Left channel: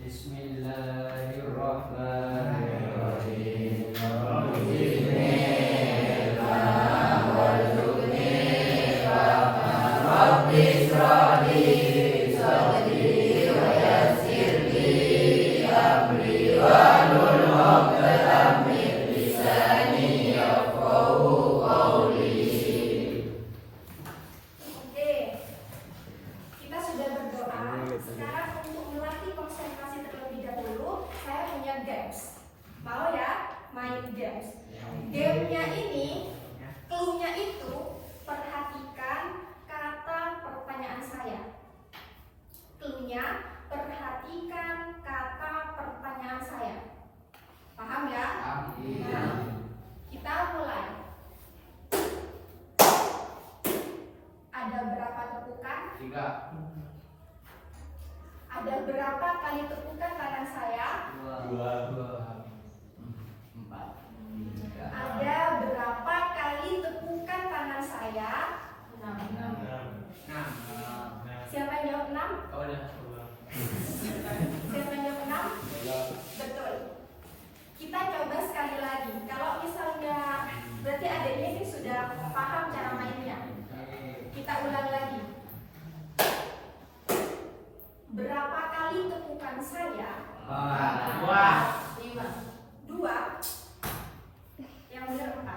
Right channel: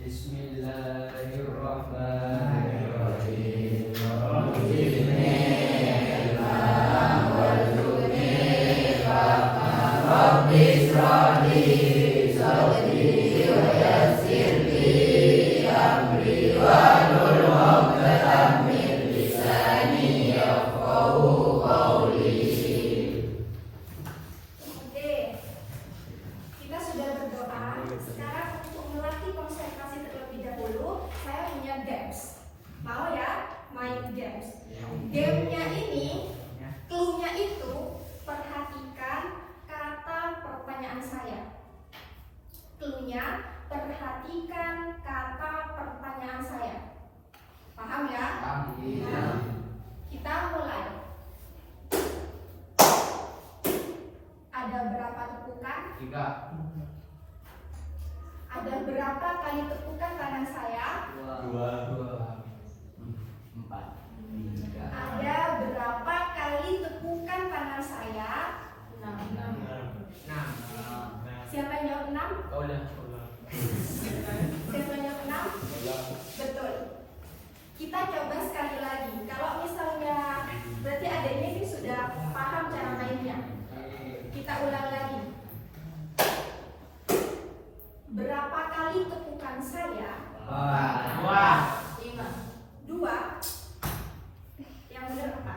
Bismillahirrahmanirrahim. Kita sudah berdoa. Sekarang untuk melatih konsentrasi terlebih dahulu, saya punya games. Mau ya main games? Gamenya ini, clue-nya itu perhatikan kata pertanyaan saya. Clue-nya perhatikan kata pertanyaan saya. Paham ya? Kita mulai. Ada berapa tepukan? 3, Ada berapa kali tepukan tangan saya? 2, 4, 3, Ada berapa kali tepukan tangan saya? 6. Siapa yang jawab 6? Oh, udah. Siapa yang jawab 6? Betul. Kita coba sekali lagi. Kalau misalnya berarti adanya ini sudah paham cara mainnya. Kita ulang lagi. Berapa kali tepukan saya? 2. Yang benar apa?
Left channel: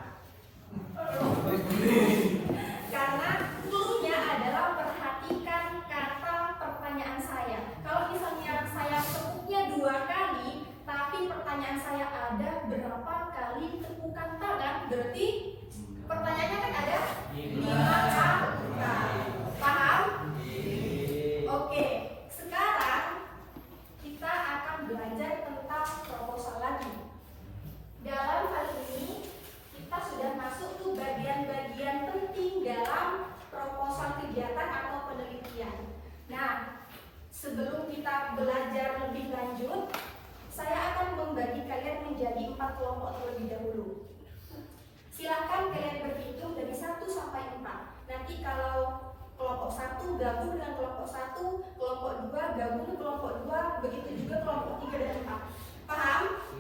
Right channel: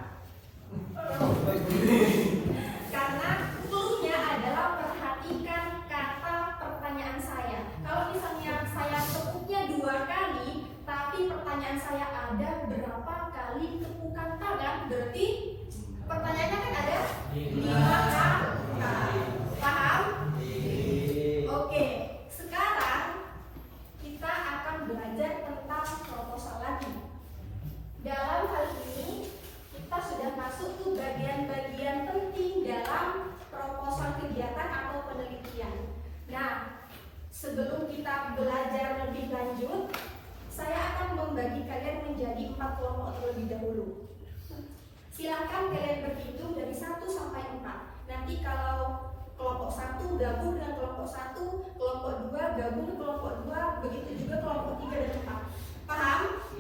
Karena clue-nya adalah perhatikan kata pertanyaan saya. Kalau misalnya saya tepuknya 2 kali, tapi pertanyaan saya ada berapa kali tepukan tangan, berarti pertanyaannya kan ada 5 kali. Paham? Oke. Sekarang kita akan belajar tentang proposal lagi. Dalam hal ini kita sudah masuk ke bagian-bagian penting dalam proposal kegiatan atau penelitian. Nah, sebelum kita belajar lebih lanjut, saya akan membagi kalian menjadi 4 kelompok terlebih dahulu. Silahkan kalian berhitung dari 1 sampai 4. Nanti kalau kelompok 1 gabung dengan kelompok 1, kelompok 2 gabung dengan kelompok 2, begitu juga kelompok 3 dan 4. Paham?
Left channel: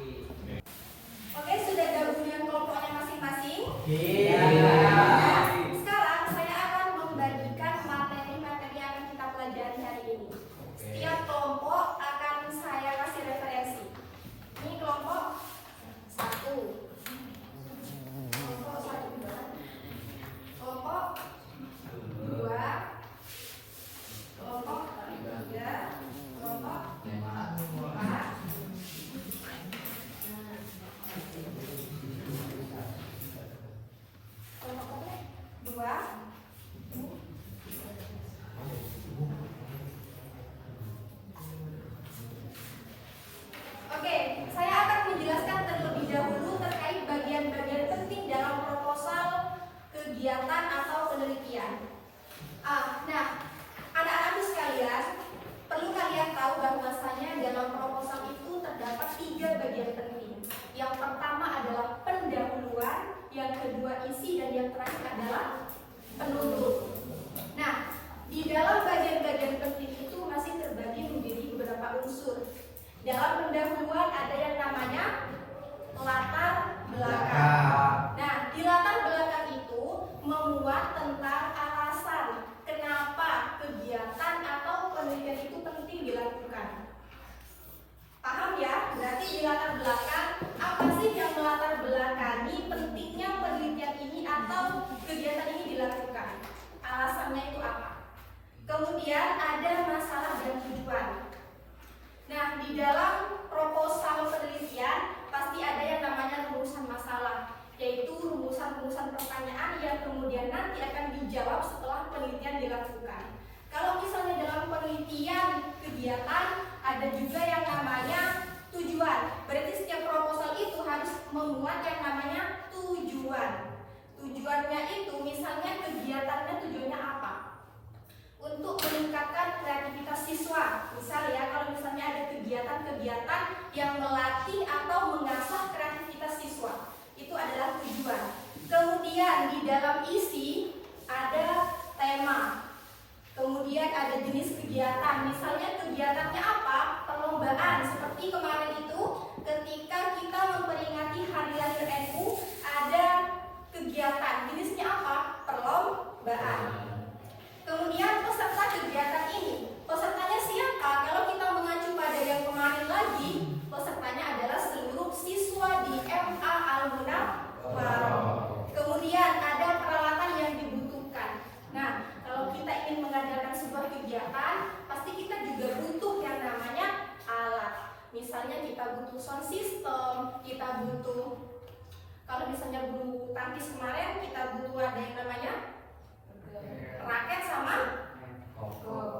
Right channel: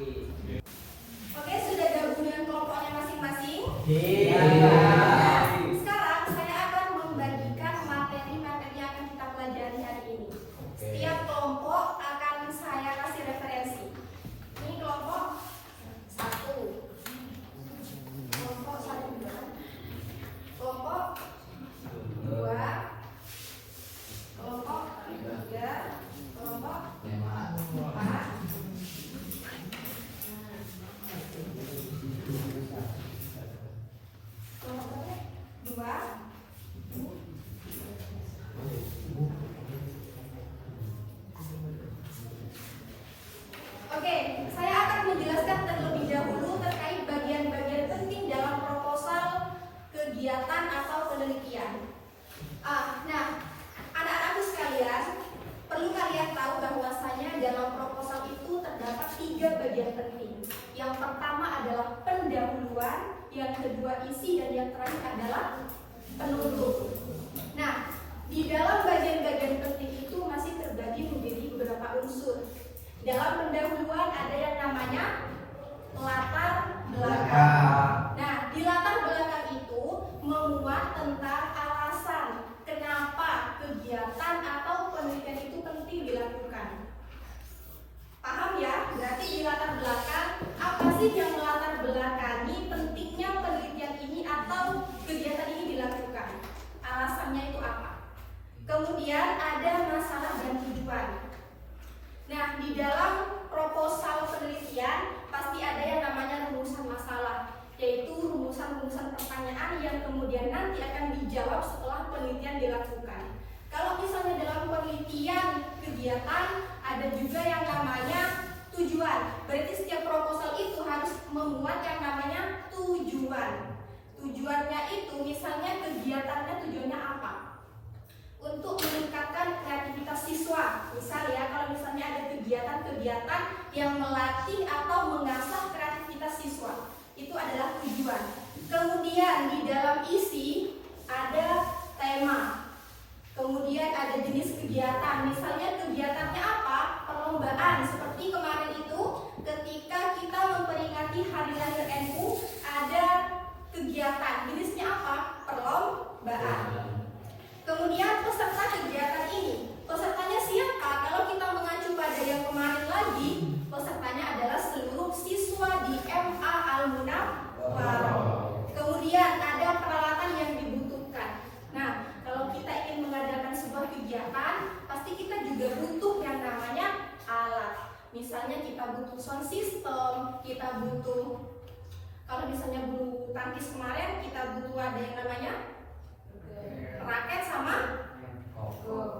Oke, sudah gabung dengan kelompoknya masing-masing? Nah, sekarang saya akan membagikan materi-materi yang akan kita pelajari hari ini. Setiap kelompok akan saya kasih referensi. Ini kelompok 1. Kelompok 1 kelompok 2, kelompok 3, kelompok 4. Kelompok 2. Oke, saya akan menjelaskan terlebih dahulu terkait bagian-bagian penting dalam proposal kegiatan atau penelitian. Nah, anak-anakku sekalian, perlu kalian tahu bahwasanya dalam proposal itu terdapat 3 bagian penting. Yang pertama adalah pendahuluan, yang kedua isi, dan yang terakhir adalah penutup. Nah, di dalam bagian-bagian penting itu masih terbagi menjadi beberapa unsur. Dalam pendahuluan ada yang namanya latar belakang. Nah, di latar belakang itu memuat tentang alasan kenapa kegiatan atau penelitian itu penting dilakukan. Paham ya? Berarti di latar belakang apa sih yang melatar belakangi pentingnya penelitian ini atau kegiatan ini dilakukan? Alasannya itu apa? Kemudian ada masalah dan tujuan. Nah, di dalam proposal penelitian pasti ada yang namanya rumusan masalah, yaitu rumusan-rumusan pertanyaan yang kemudian nanti akan dijawab setelah penelitian dilakukan. Kalau misalnya dalam penelitian kegiatan ada juga yang namanya tujuan. Berarti setiap proposal itu harus memuat yang namanya tujuan. Tujuannya itu misalnya kegiatannya tujuannya apa? Untuk meningkatkan kreativitas siswa. Misal ya, kalau misalnya ada kegiatan-kegiatan yang melatih atau mengasah kreativitas siswa, itu adalah tujuan. Kemudian di dalam isi ada tema. Kemudian ada jenis kegiatan. Misalnya kegiatannya apa? Perlombaan. kemarin itu ketika kita memperingati Hari Lahir NU ada kegiatan, jenisnya apa? Perlombaan. Kemudian peserta kegiatan ini, pesertanya siapa? Kalau kita mengacu pada yang kemarin lagi, pesertanya adalah seluruh siswa di MA Al-Munawwarah. Kemudian ada peralatan yang dibutuhkan. Nah, kalau kita ingin mengadakan sebuah kegiatan, pasti kita juga butuh yang namanya alat. Misalnya kita butuh sound system, kita butuh, kalau misalnya bulu tangkis kemarin, kita butuh ada yang namanya raket sama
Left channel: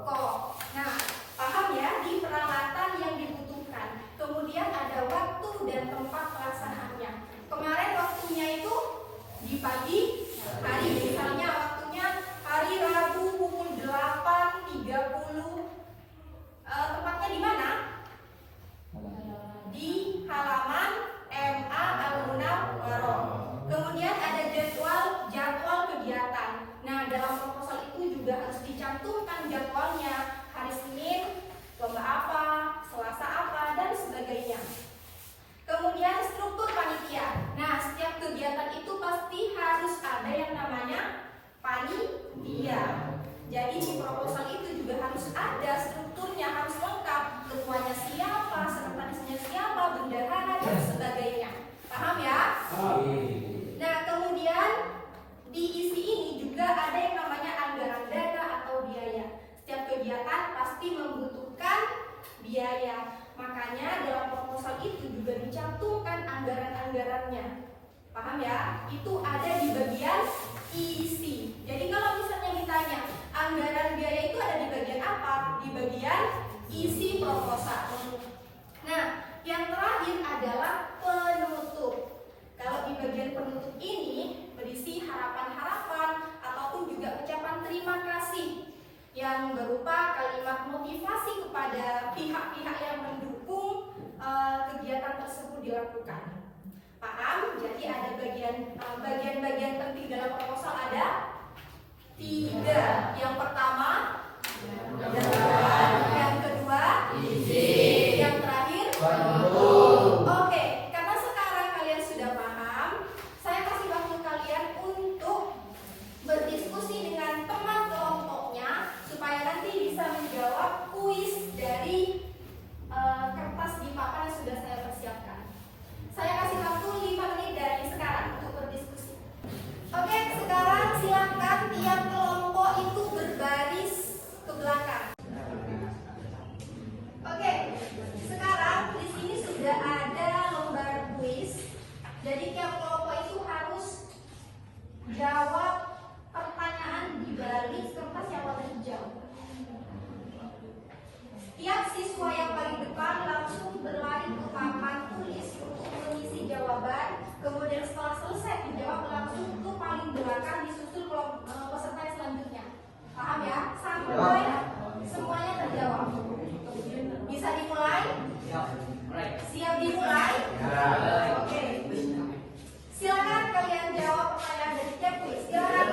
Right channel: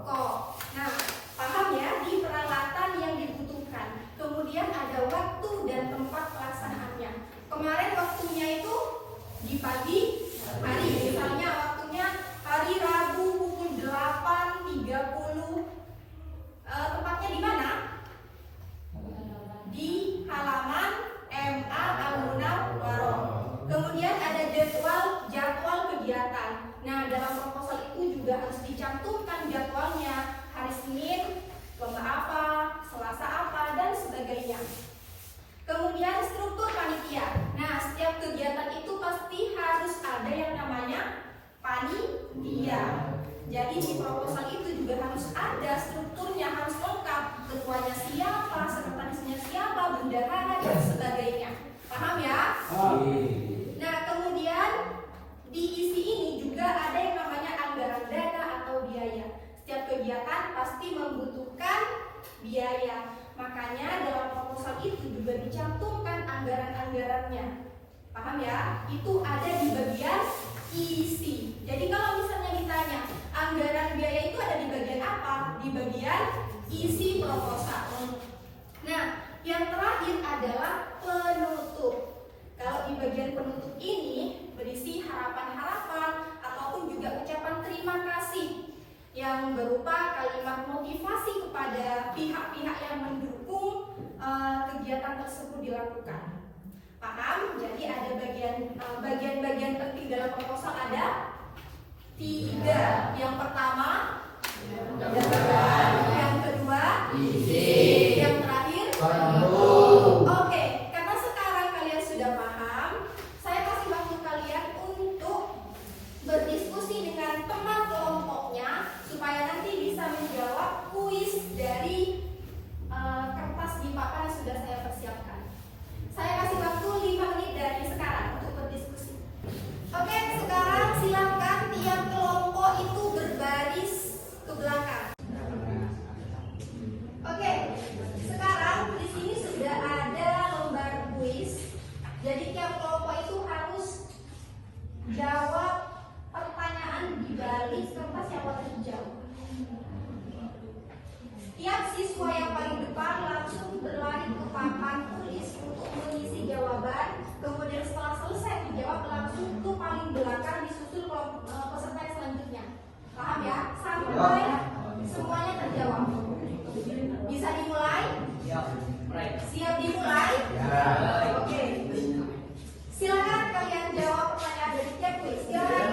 kok. Nah, paham ya di peralatan yang dibutuhkan. Kemudian ada waktu dan tempat pelaksanaannya. Kemarin waktunya itu di pagi hari, misalnya waktunya hari Rabu pukul 8.30. Tempatnya di mana? Di halaman MA Al-Munawwarah. Kemudian ada jadwal kegiatan. Nah, dalam proposal itu juga harus dicantumkan jadwalnya. Hari Senin lomba apa, Selasa apa, dan sebagainya. Kemudian struktur panitia. Nah, setiap kegiatan itu pasti harus ada yang namanya panitia. Jadi di proposal itu juga harus ada strukturnya, harus lengkap. Ketuanya siapa, sekretarisnya siapa, bendahara, dan sebagainya. Paham ya? Nah, kemudian di isi ini juga ada yang namanya anggaran dana atau biaya. Setiap kegiatan pasti membutuhkan biaya. Makanya dalam proposal itu juga dicantumkan anggaran-anggarannya. Paham ya? Itu ada di bagian isi. Jadi kalau misalnya ditanya anggaran biaya itu ada di bagian apa? Di bagian isi proposal. Nah, yang terakhir adalah penutup. Kalau di bagian penutup ini berisi harapan-harapan ataupun juga ucapan terima kasih yang berupa kalimat motivasi kepada pihak-pihak yang mendukung kegiatan tersebut dilakukan. Paham? Jadi ada bagian-bagian penting dalam proposal ada 3. Yang pertama, yang kedua, yang terakhir, Oke, karena sekarang kalian sudah paham, saya kasih waktu kalian untuk berdiskusi dengan teman kelompoknya supaya nanti bisa menjawab kuis dari kertas di papan yang sudah saya persiapkan. Saya kasih waktu 5 menit dari sekarang untuk berdiskusi. Oke, sekarang silakan tiap kelompok itu berbaris ke belakang. Oke, sekarang di sini sudah ada lembar kuis. Jadi tiap kelompok itu harus jawab pertanyaan di baris kertas yang warna hijau. Setiap siswa yang paling depan langsung berlari ke papan tulis untuk mengisi jawaban. Kemudian setelah selesai menjawab langsung ke paling belakang disusul peserta yang selanjutnya. Paham ya? Sampai semuanya terjawab. Bisa dimulai? Siap dimulai? Oke. Silakan kalian jawab pertanyaan dari setiap kuis. Silakan.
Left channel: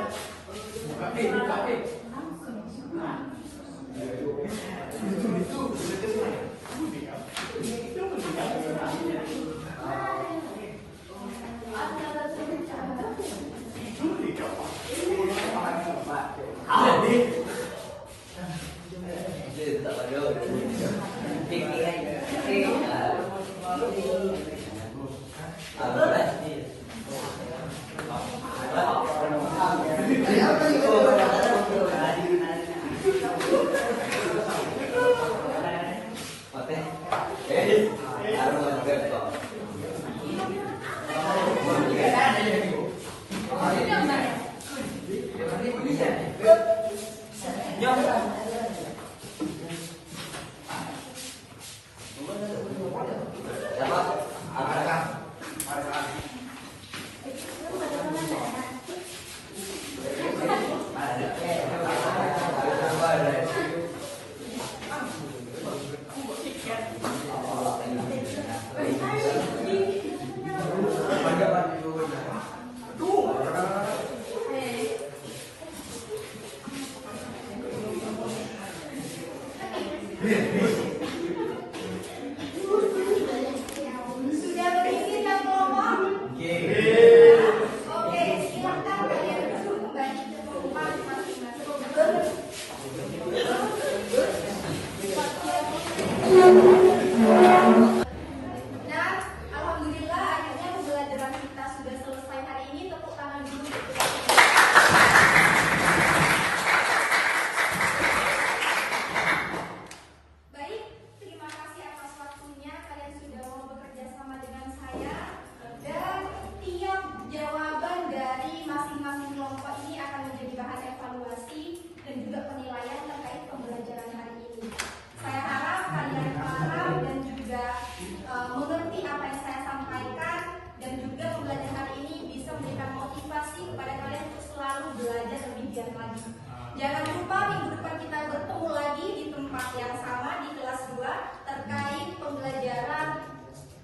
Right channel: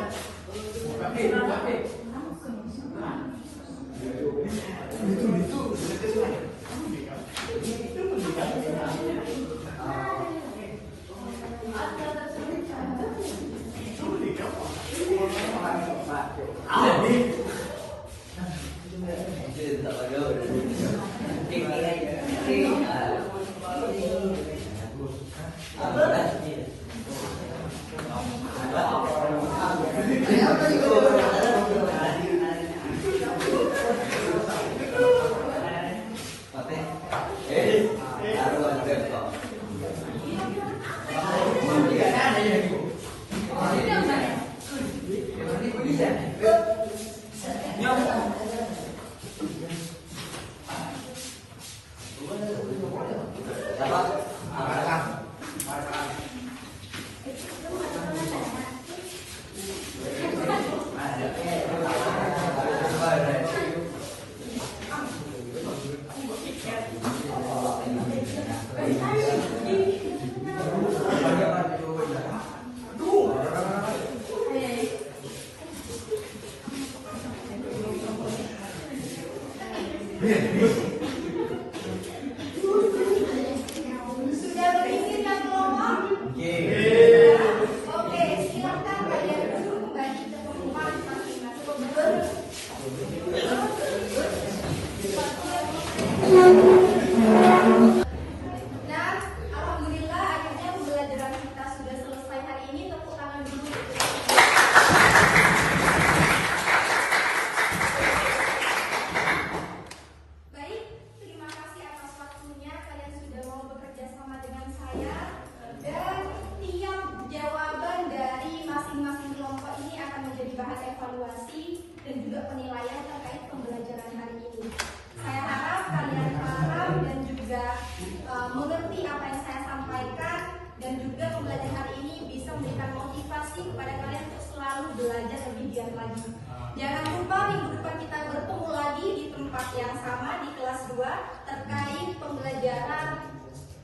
Jangan lupa minggu depan kita bertemu lagi di tempat yang sama di kelas 2 terkait pembelajaran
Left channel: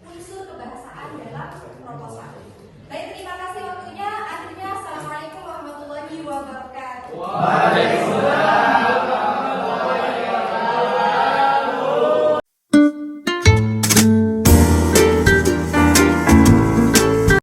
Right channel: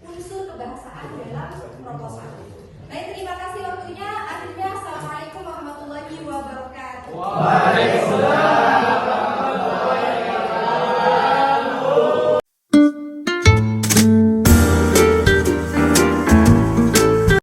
unsur kebahasaan dalam proposal. Baik, terima kasih.